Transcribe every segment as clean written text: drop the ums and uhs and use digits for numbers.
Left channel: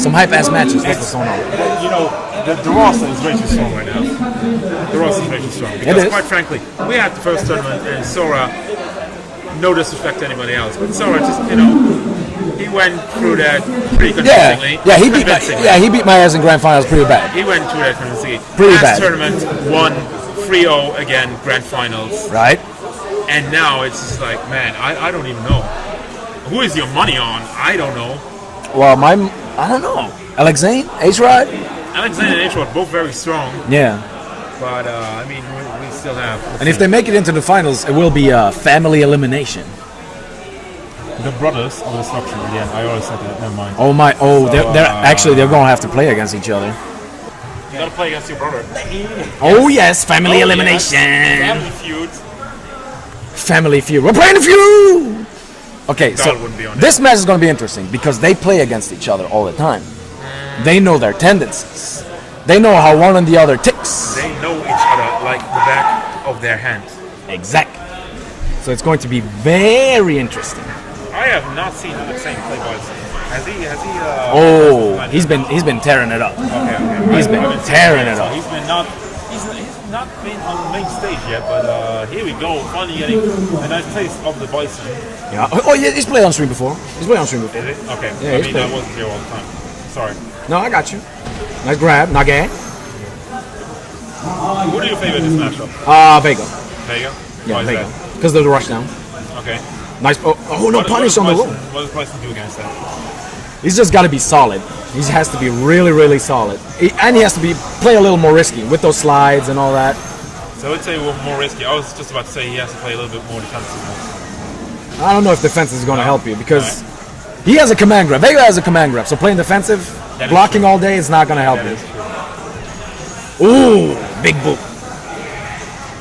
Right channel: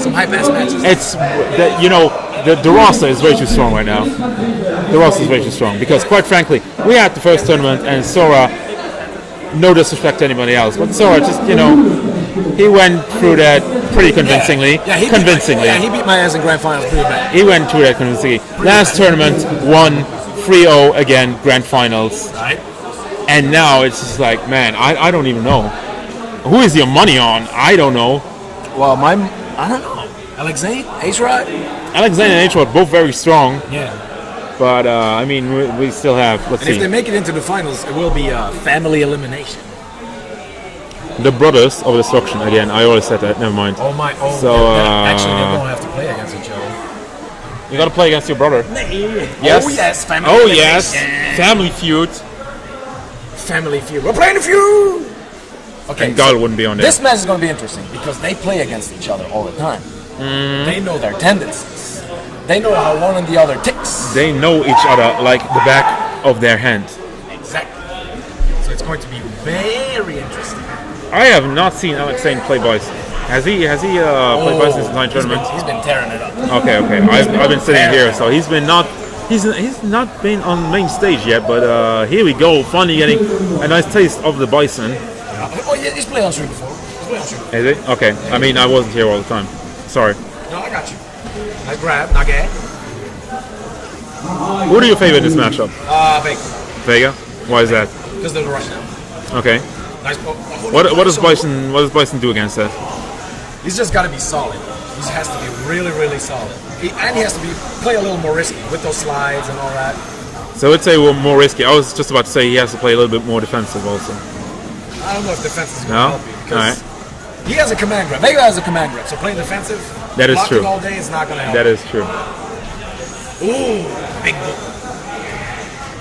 Some hype-ass matches. It's, the roster is way too strong right now. The roster is way too strong. Because, quite frankly, we had the first tournament, and Sora, no disrespect to anybody else, but Sora just, he went through that pretty convincingly. He beat my ass in grand finals pretty bad. He went through that convincingly. Last tournament, won 3-0 again, grand finals. Right. And now it's just like, man, I don't even know. Who is your money on? I don't know. Well, I don't know. Alexein, HRod? Alexein and HRod both very strong. Yeah. But, we still have... And if they make it into the finals, it will be a family elimination. The Brothers of Destruction, again, I already said that, never mind. Oh my, actually, they're going to have to play against each other. You got to play against your brother. Oh yes, family elimination. Yes. Family feud. Family feud. We're playing the feud! Okay, so wouldn't be on this match is going to be interesting because they play against each other all the time. They know their tendencies. They know how one and the other ticks. They know each other like the back of their hand. Exactly. So it's going to be very interesting. I have not seen Alexein play Bison. Has he? He's been tearing it up. Okay. I've been sitting here, so he's not been on the main stage yet. But here we go, finally getting a nice taste of the Bison. Yeah. Oh yeah, he's played on stream before. Is it? Okay. Yeah, I wasn't here all the time. Sorry. No, I got you. Nice grab, Nage. Who do you favor in this matchup? Vega. Vega? Why is Vega. that? Because there's a rush down. Okay. Nice. What does Bison do against that? He's just got to be solid. He has to be really, really solid. And he has to play a little more risky with those slides and all that. So let's say we're more risky. I was just about to say he has to play a little bit more defensive also. I don't know if defense is going to help you because he has a command grab. Vega has a command grab. So playing defensive, blocking all day is not going to help you. That is true. Ooh, big boot.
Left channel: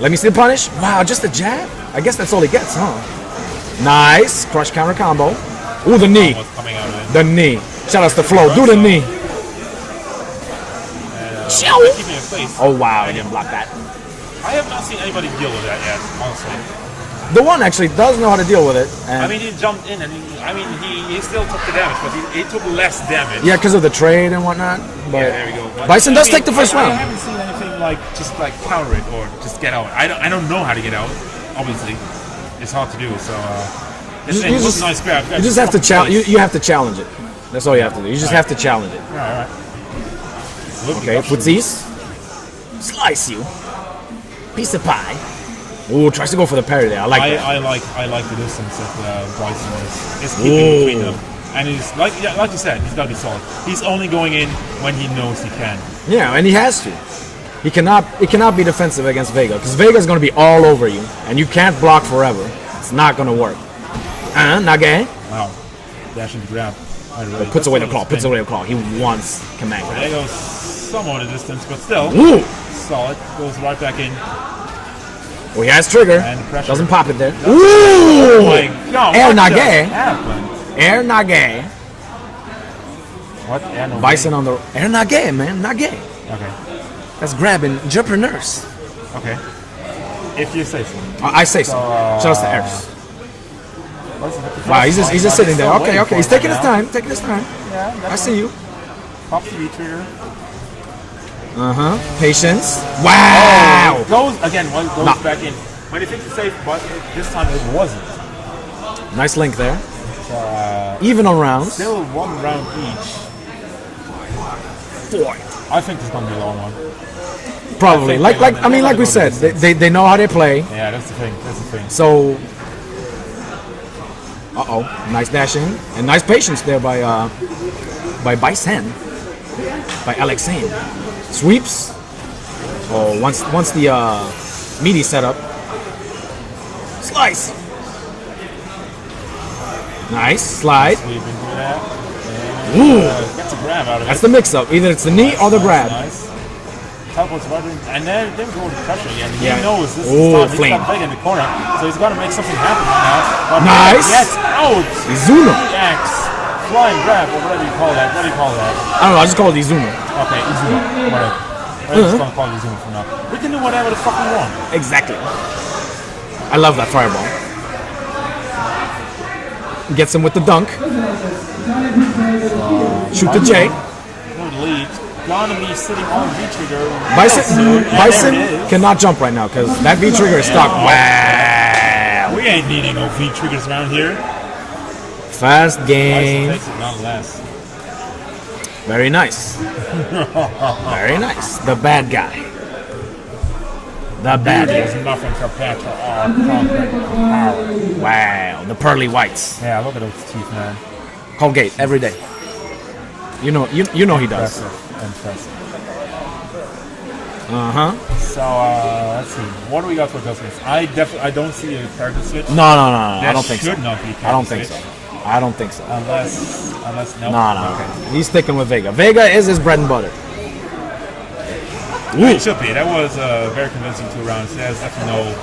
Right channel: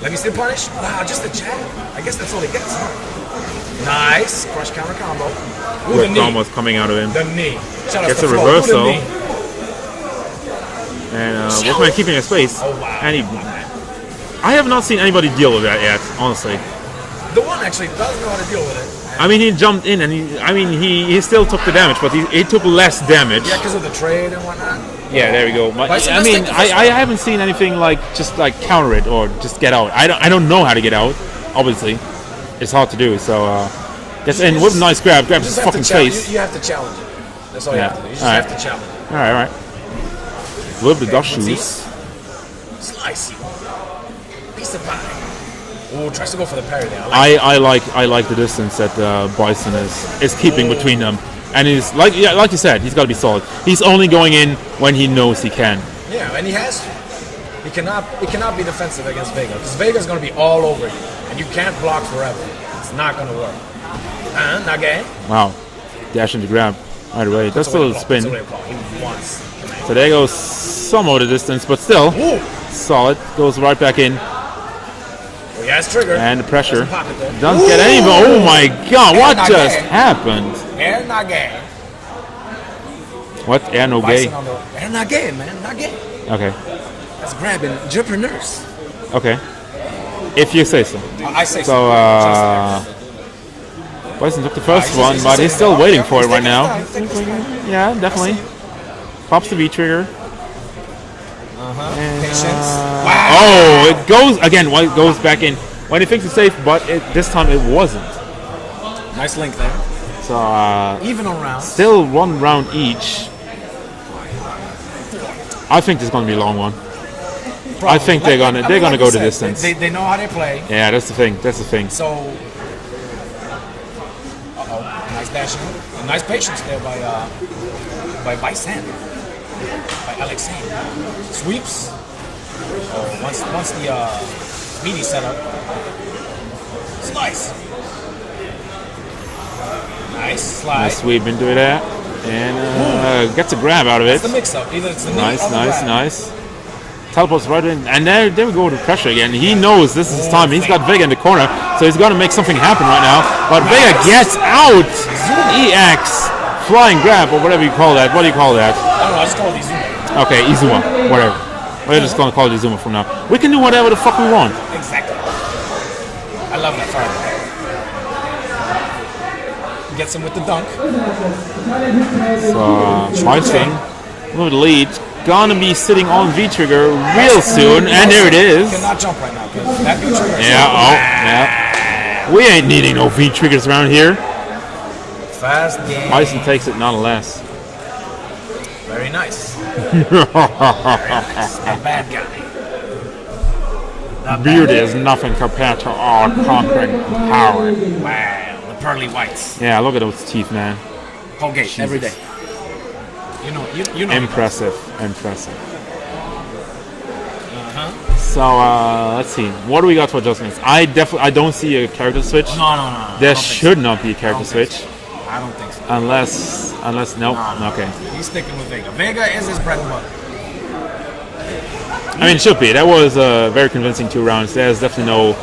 Let me see the punish. Wow, just a jab? I guess that's all he gets, huh? Nice. Crush counter combo. Ooh, the knee. Almost coming out of him. The knee. Shout out to Flo. Do the knee. And keeping his space. Oh, wow. And he blocked that. I have not seen anybody deal with that yet, honestly. The one actually does know how to deal with it. I mean, he jumped in and he still took the damage, but he took less damage. Yeah, because of the trade and whatnot. Yeah, there we go. Bison does take the first one. I haven't seen anything just counter it or just get out. I don't know how to get out. Obviously, it's hard to do. So, it was a nice grab. You just have to challenge. You have to challenge it. That's all you have to do. You just have to challenge it. All right. A little bit of footsies. Slice you. Piece of pie. Ooh, tries to go for the parry there. I like the distance that Bison is keeping between them, and he's like you said, he's got to be solid. He's only going in when he knows he can. Yeah, and he has to. He cannot be defensive against Vega because Vega's going to be all over you, and you can't block forever. It's not going to work. Nage. Wow, dash into grab. Right away. Puts away the claw. He wants command. So there goes some of the distance, but still solid. Goes right back in. Oh, he has trigger. And the pressure. Doesn't pop it there. Oh my god, what just happened? Air Nage. What? Air Nage? Bison on the... Air Nage, man. Nage. Okay. That's grabbing entrepreneurs. Okay. If you say so. I say so. Show us the air. Bison took the first one, but he's still waiting for it right now. He's taking his time. Yeah, definitely. I see you. Pops the V-trigger. Patience. Wow. Oh, it goes again. It goes back in when he thinks it's safe, but this time it wasn't. Nice link there. So even on rounds. Still 1 round each. 4. I think this is gonna be a long one. Probably. I think they're gonna go said, they know how they play. Yeah, that's the thing. So. Nice dashing and nice patience there by Bison. By Alexein. Sweeps. Oh, once the meaty setup. Slice. Nice slide. Sweep into that. And gets a grab out of it. That's the mix-up. Either it's the knee or the grab. Nice. Teleports right in. And there we go with pressure again. He knows this is time. He's got Vega in the corner, so he's got to make something happen right now. But Vega gets out. Izuma. EX. Flying grab, or whatever you call that. What do you call that? I don't know, I just call it Izuma. Okay, Izuma. Whatever. We're just going to call it Izuma from now. We can do whatever the fuck we want. Exactly. I love that fireball. Gets him with the dunk. Shoot the J. With the lead. Gonna be sitting on V trigger real soon, and there it is. Cannot jump right now because that V trigger is Yeah, stuck. yeah. We ain't needing no V triggers around here. Fast game. Bison takes it nonetheless. Very nice. Very nice. The bad guy. The Beauty is nothing compared to our conquering power. Wow. The pearly whites. Yeah, look at those teeth, man. Colgate every day. You know he does. Impressive. So let's see. What do we got for adjustments? I don't see a character switch. No. There I don't think should so. not be a character switch. I don't think so. Unless no. No. Okay. He's sticking with Vega. Vega is his bread and butter. I mean, it should be. That was a very convincing 2 rounds. There's definitely no.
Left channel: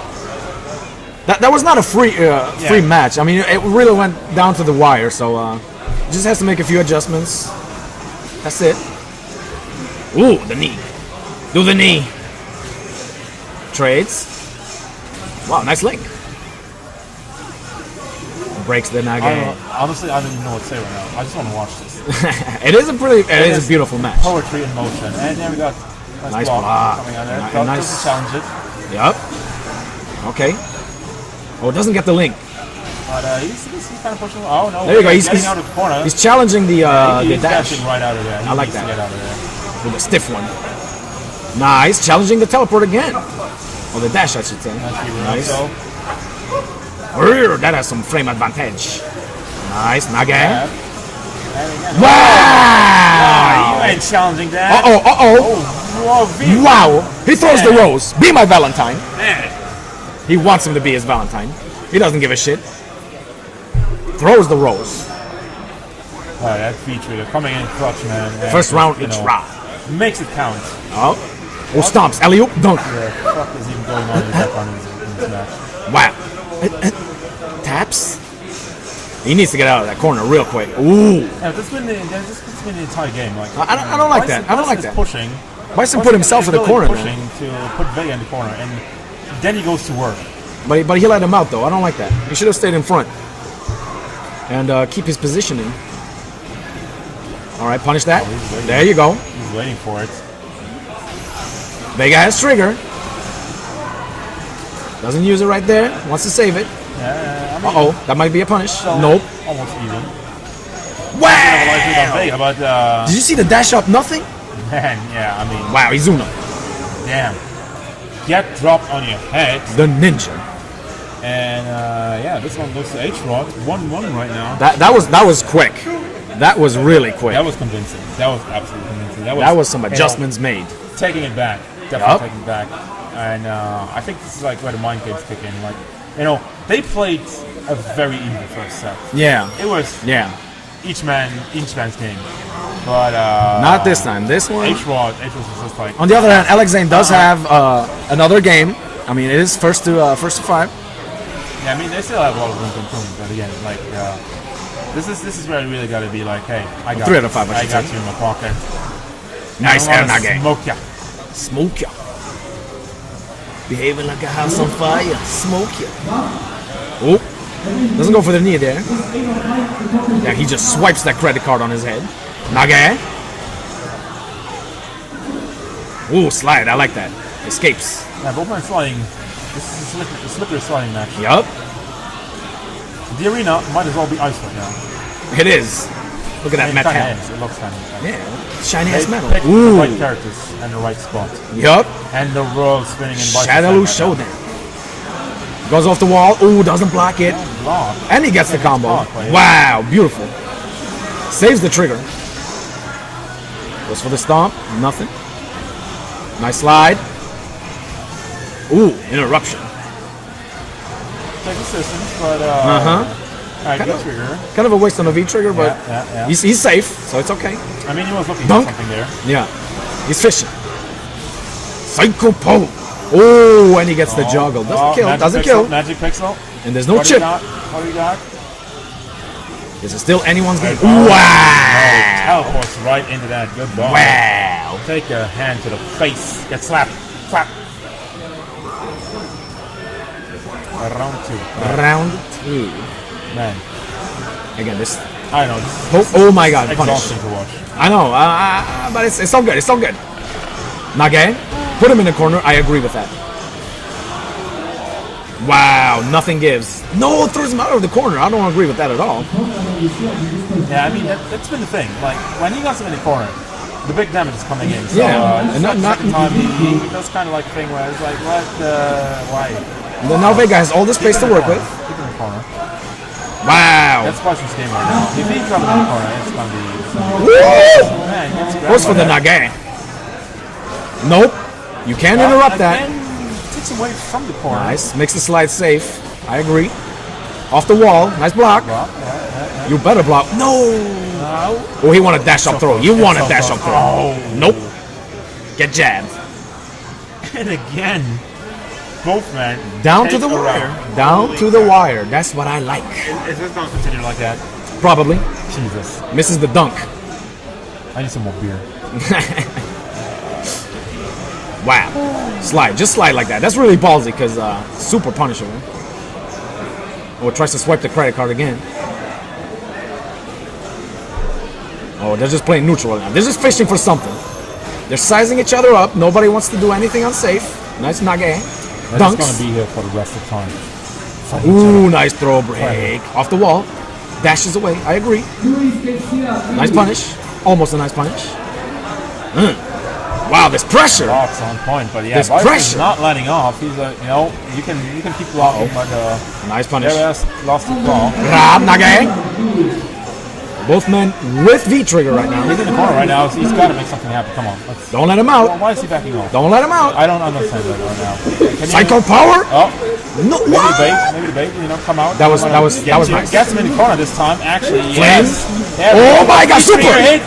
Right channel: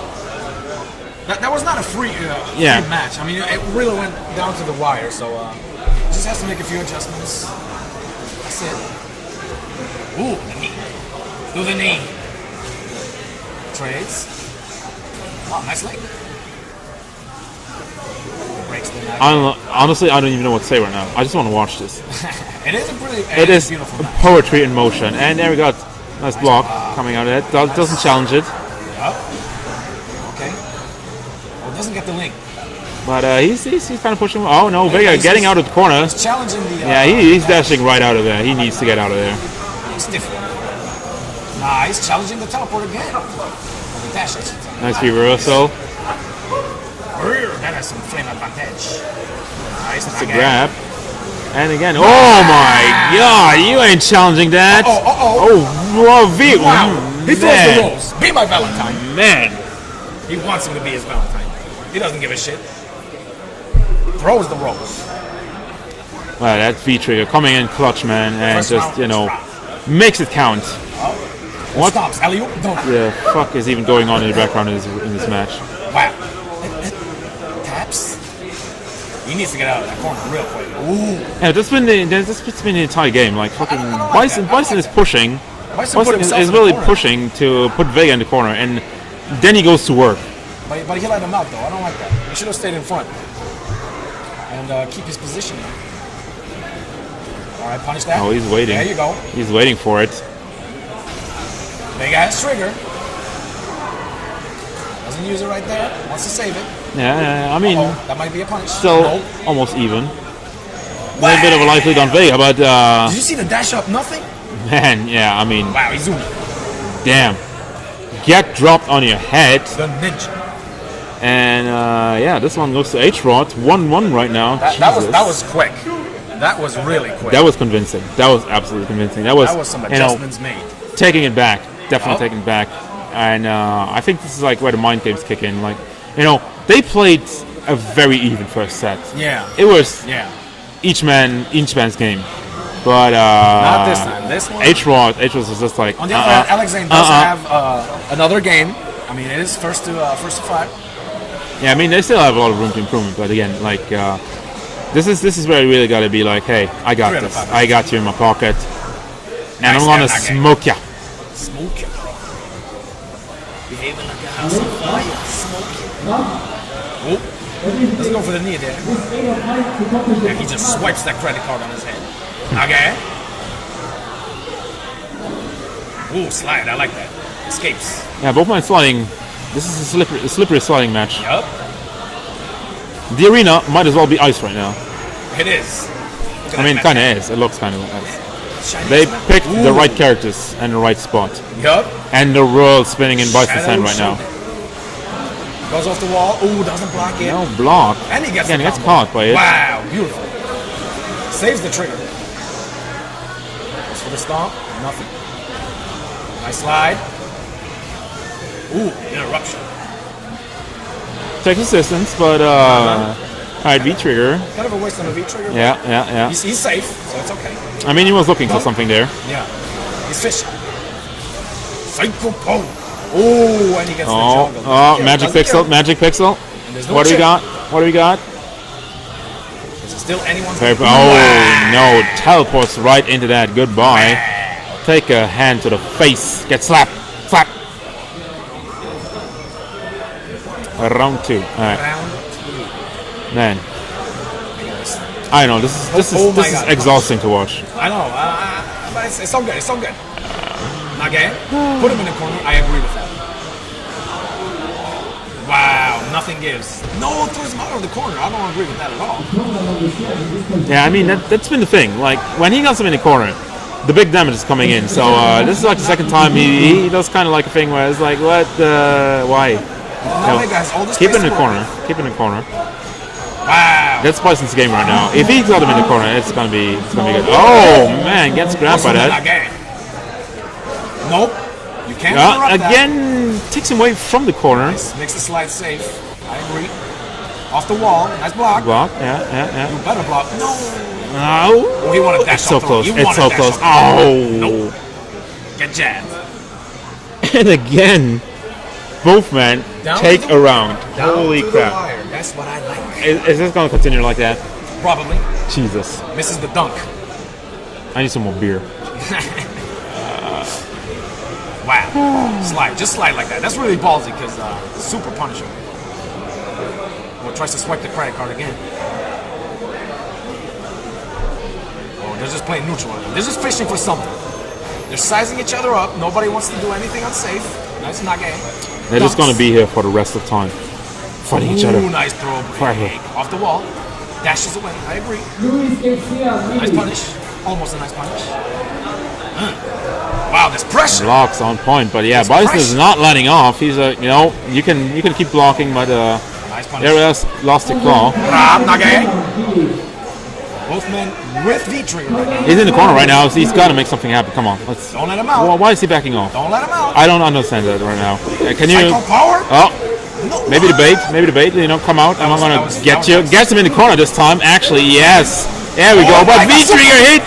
That was not a free match. I mean, it really went down to the wire. So just has to make a few adjustments. That's it. Ooh, the knee. Do the knee. Trades. Wow, nice link. Breaks the nag. Honestly, I don't even know what to say right now. I just want to watch this. It is a beautiful match. Poetry in motion. And there we got nice block coming out of it. Doesn't challenge it. Yep. Okay. Oh, it doesn't get the link. But he's kind of pushing. Oh no, he's getting out of the corner. He's challenging the. He's the dashing right out of there. He needs to get out of there. With a stiff one. Nice, challenging the teleport again. Or the dash, I should say. Nice reversal. That has some frame advantage. Nice, Naga. Grab. And again. Oh my God! You ain't challenging that. Wow! He throws the rose. Be my Valentine. Man. He wants him to be his Valentine. He doesn't give a shit. Throws the rose. That V trigger coming in clutch, man. And First just, round, makes it count. Oh, stomps. Alley-oop, dunk. The fuck is even going on in the background in this match? Wow. Taps. He needs to get out of that corner real quick. Ooh. Yeah, this has been the entire game. Like I don't like that. Bison is pushing. Bison put himself in the really corner. Pushing to put Vega in the corner, and then he goes to work. But he let him out though. I don't like that. He should have stayed in front and keep his positioning. All right, punish that. Oh, he's waiting. There you go. He's waiting for it. Vega has trigger. Doesn't use it right there. Wants to save it. Yeah, I mean, that might be a punish. So nope. Almost even. Wow. A bit of a life lead on Vega, but did you see the dash up? Nothing. Man, yeah, I mean. Wow, Izumi. Damn. Get dropped on your head. The ninja. And yeah, this one goes to HRod. 1-1 right now. That was quick. That was really quick. That was convincing. That was absolutely convincing. That was some adjustments made. Taking it back. Definitely taking it back. And I think this is like where the mind games kick in. Like, they played a very even first set. Yeah. It was each man's game. But not this time. This one HRod was just like. On the other hand, Alexein does have another game. I mean, it is first to 5. Yeah, I mean they still have a lot of room to improvement, but again, like this is where you really got to be like, hey, I got 3 out of 5. I got you in my pocket. Nice, I want to smoke ya. Smoke ya. Behaving like a house on fire. Smoke ya. Oh, doesn't go for the knee there. Yeah, he just swipes that credit card on his head. Nage. Ooh, slide. I like that. Escapes. Yeah, both my sliding. This is a slippery sliding match. Yup. The arena might as well be ice right now. It is. Look at that. I mean, it kind of is. It looks kind of. Yeah. Shiny they metal. picked the right characters and the right spot. Yup. And the world spinning in Bison's hand right now. Goes off the wall. Ooh, doesn't block it. Don't block. And he gets the combo. Wow, beautiful. Saves the trigger. Goes for the stomp. Nothing. Nice slide. Ooh, interruption. Takes assistance, but high V trigger. Kind of a waste on a V trigger, but yeah. He's safe, so it's okay. I mean, he was looking for something there. Yeah, he's fishing. Psycho Pole. Oh, and he gets the juggle. Magic pixel. And there's no chip. What do we got? Is it still anyone's game? Wow. No, teleports right into that. Goodbye. Wow. Take a hand to the face. Get slapped. Slap. Round 2. Round 2. Man. Again, this I know, this Oh my God, is exhausting to watch. I know, but it's so good. It's so good. Nage, put him in the corner. I agree with that. Wow, nothing gives. No, throws him out of the corner. I don't agree with that at all. Yeah, I mean, that's been the thing. Like, when he gets him in the corner, the big damage is coming in. So this is like the second time he does kind of like a thing where it's like, what, why? Now Vega has all the space to work with. Keep it in the corner. Wow. That's Bison's game right now. If he got him in the corner, it's gonna be good. Oh man, gets grabbed by that. Nage. Nope. You can't interrupt that. Again, takes him away from the corner. Nice. Makes the slide safe. I agree. Off the wall. Nice block. Yeah. You better block. No. No. Oh, he wanted dash up throw. You wanted dash up throw. Oh. Nope. Get jabbed. And again, both men take a round. Down to the wire. That's what I like. Is this going to continue like that? Probably. Jesus. Misses the dunk. I need some more beer. Wow. Slide. Just slide like that. That's really ballsy because super punisher. Or tries to swipe the credit card again. Oh, they're just playing neutral. They're just fishing for something. They're sizing each other up. Nobody wants to do anything unsafe. Nice Nage. They're just going to be here for the rest of time. Ooh, nice throw break. Off the wall. Dashes away. I agree. Nice punish. Almost a nice punish. Wow, there's pressure. Blocks on point, but yeah, Bison is not letting off. He's you can keep blocking, but nice punish. Never lost the claw. Grab Nage. Both men with V trigger right now. He's in the corner right now, so he's got to make something happen. Come on, let's. Don't let him out. Well, why is he backing off? Don't let him out. I don't understand that right now. Can you? Psycho power. Oh, no. Maybe the bait. You know, come out. That was nice. Gets him in the corner this time. Actually, yes. There we go. My God, V-trigger hit.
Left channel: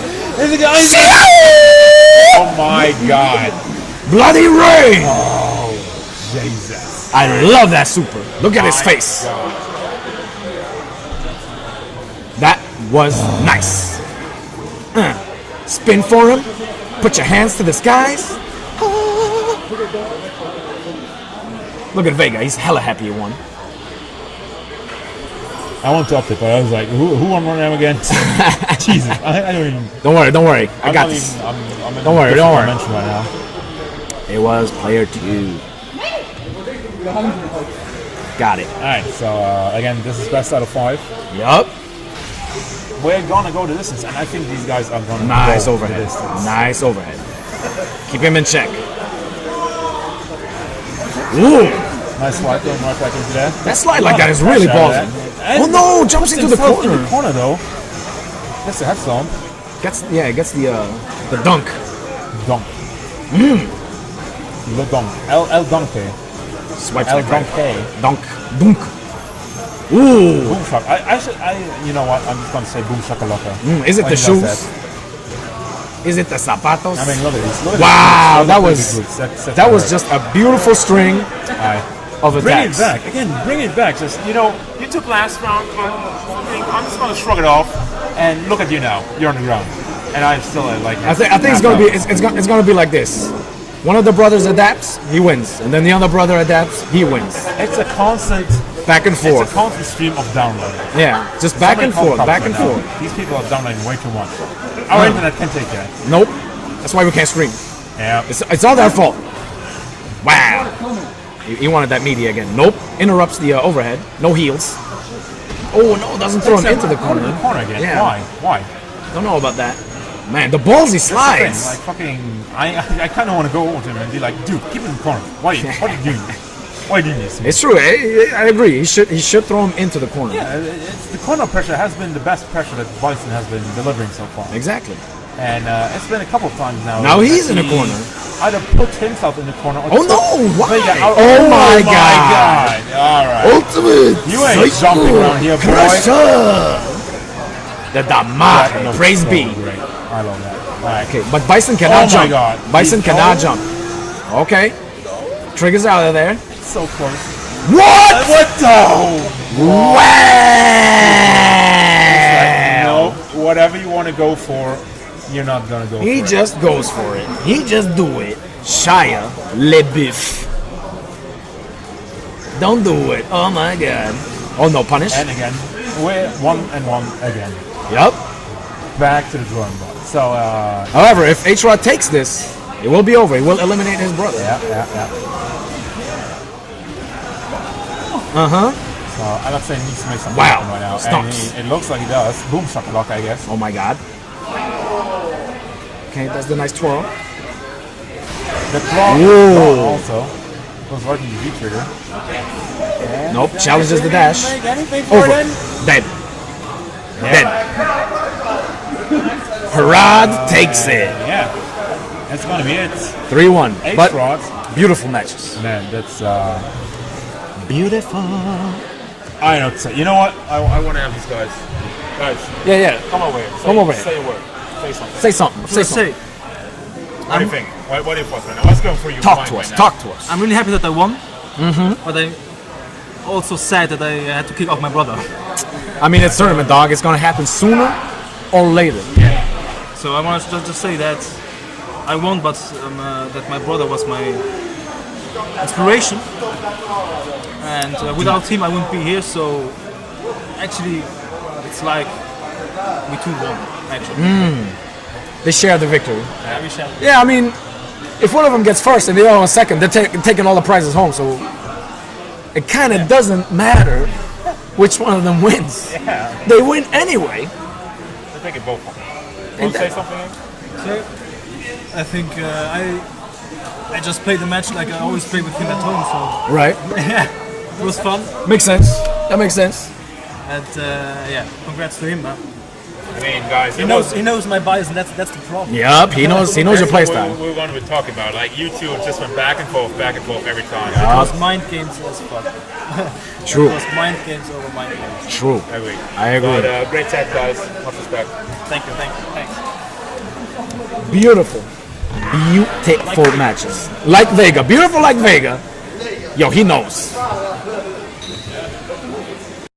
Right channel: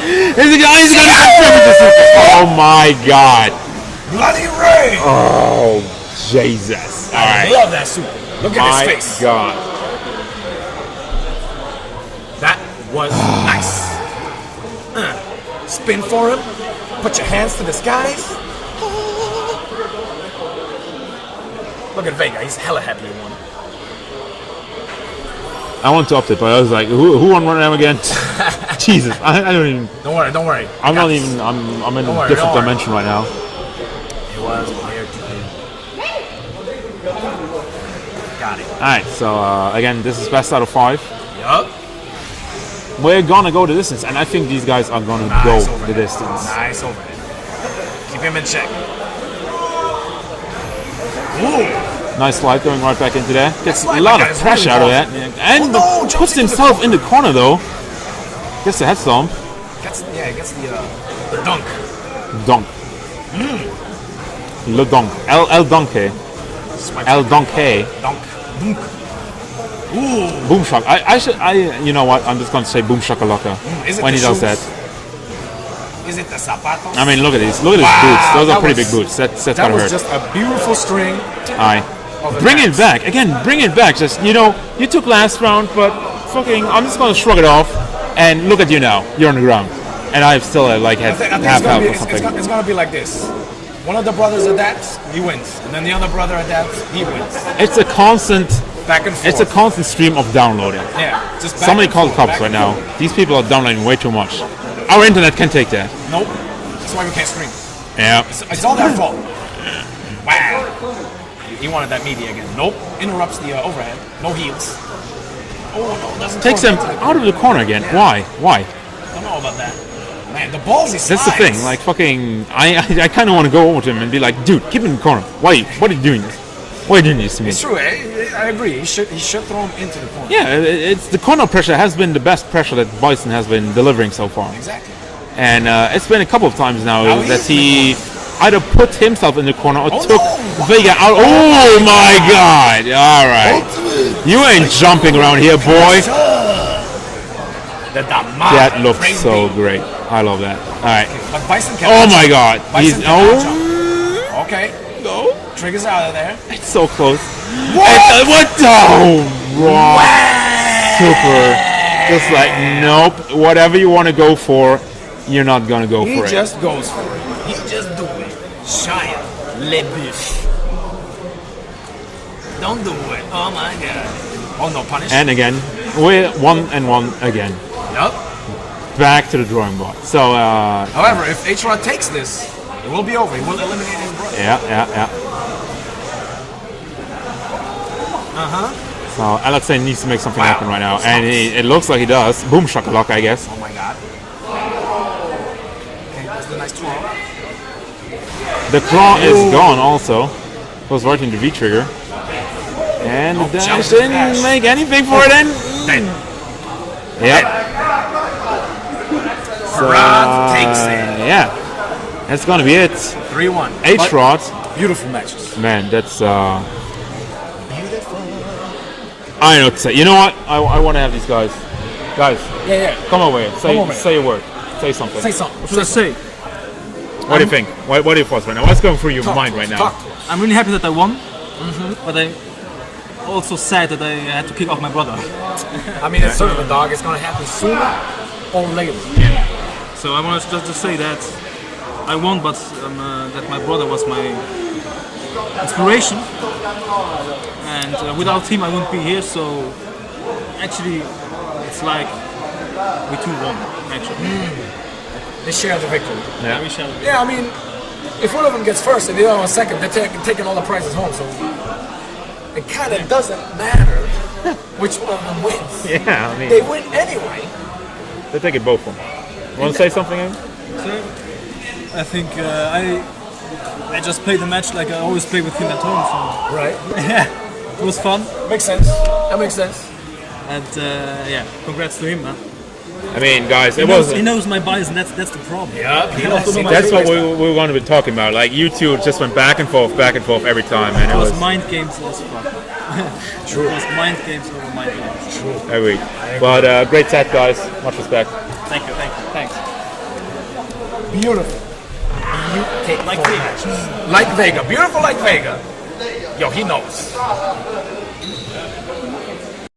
Oh my God. Bloody Ray. Oh Jesus. I love that super. Look at his face. God. That was nice. Spin for him. Put your hands to the skies. Look at Vega. He's hella happy he won. I want to up it, but I was like, who won one of them again? Jesus, I don't even. Don't worry. I'm not even. I'm in a different dimension right now. It was player 2. Got it. All right. So again, this is best out of 5. Yup. We're gonna go the distance, and I think these guys are gonna go the distance. Nice overhead. Keep him in check. Ooh. Nice slide going right back into there. That slide like that is really ballsy. And jumps himself in the corner though. Gets the headstone. Gets the dunk. Dunk. Le dunk. El donkey. El donkey. Dunk. Ooh. Boom shock. You know what? I'm just going to say boom shakalaka. Is it the shoes? Is it the zapatos? I mean, look at this. Look at wow, this boots. That was just a beautiful string. Bring it back. Again, bring it back. Just, you took last round, but fucking, I'm just going to shrug it off. And look at you now. You're on the ground. And I still like I think it's going to be like this. One of the brothers adapts, he wins. And then the other brother adapts, he wins. It's a constant back and forth. It's a constant stream of downloading. Yeah, just back and forth. Right now. These people are downloading way too much. Our internet can take that. Nope. That's why we can't stream. Yeah. It's all their fault. Wow. He wanted that media again. Nope. Interrupts the overhead. No heels. Oh no, doesn't throw him into the corner. Out of the corner again. Yeah. Why? Don't know about that. Man, the ballsy slides. That's the thing. Like fucking, I kind of want to go over to him and be like, dude, keep him in the corner. What are you doing? Why are you doing this? It's true. I agree. He should throw him into the corner. Yeah, it's the corner pressure has been the best pressure that Bison has been delivering so far. Exactly. And it's been a couple of times now that he in the corner. Either put himself in the corner or took Vega out. Oh my God! All right. Ultimate. You ain't jumping around here, boy. The Damage. Praise be. Great. I love that. All right. Okay, but Bison cannot jump. Oh my God. Bison cannot jump. Okay. No. Triggers out of there. It's so close. What the? Wow. Super. It's like, nope. Whatever you want to go for, you're not going to go for it. He just goes for it. He just do it. Shia LeBeouf. Don't do it. Oh my God. Oh no, punish. And again. We're 1-1 again. Yep. Back to the drawing board. So, however, if HRod takes this, it will be over. He will eliminate his brother. yeah. Alexein needs to make something happen right now, and it looks like he does. Boom shakalaka, I guess. Oh my god. Okay, that's the nice twirl. The claw is gone also. Goes right into the V-trigger. And nope, challenges the dash. Didn't make anything for it then. Dead. Yeah. HRod takes it. Yeah. That's gonna be it. 3-1. HRod. Beautiful matches. Man, that's beautiful. I know what to say. You know what? I want to have these guys. Guys. Yeah. Come over here. Come over here. Say a word. Say something. Say something. What should I say? What do you think? What are your thoughts right now? What's going through your mind right now? Talk to us. I'm really happy that I won, but I'm also sad that I had to kick off my brother. I mean, it's tournament, dog. It's gonna happen sooner or later. Yeah. So I want to just say that I won, but that my brother was my inspiration, and without him I wouldn't be here. So actually, it's like we two won. Actually. They share the victory. Yeah, we shall. Yeah, I mean, if one of them gets first and the other one second, they're taking all the prizes home. So it kind of doesn't matter which one of them wins. Yeah, I mean, They win anyway. they take it both from me. Want to say something, Ian? So I think I just played the match like I always play with him at home. So Right. yeah, it was fun, Makes sense. That makes sense. and yeah, congrats to him, man. I mean, guys, He knows my bias, and that's the problem. Yep. He knows your That's what playstyle. we were going to be talking about. Like, you two just went back and forth every time. And It was mind games as fuck. True. It was mind games over mind games. True. every week. I agree. But great set, guys. Much respect. Thank you, thanks. Beautiful. Beautiful Vega. matches. Like Vega. Beautiful like Vega. Yo, he knows.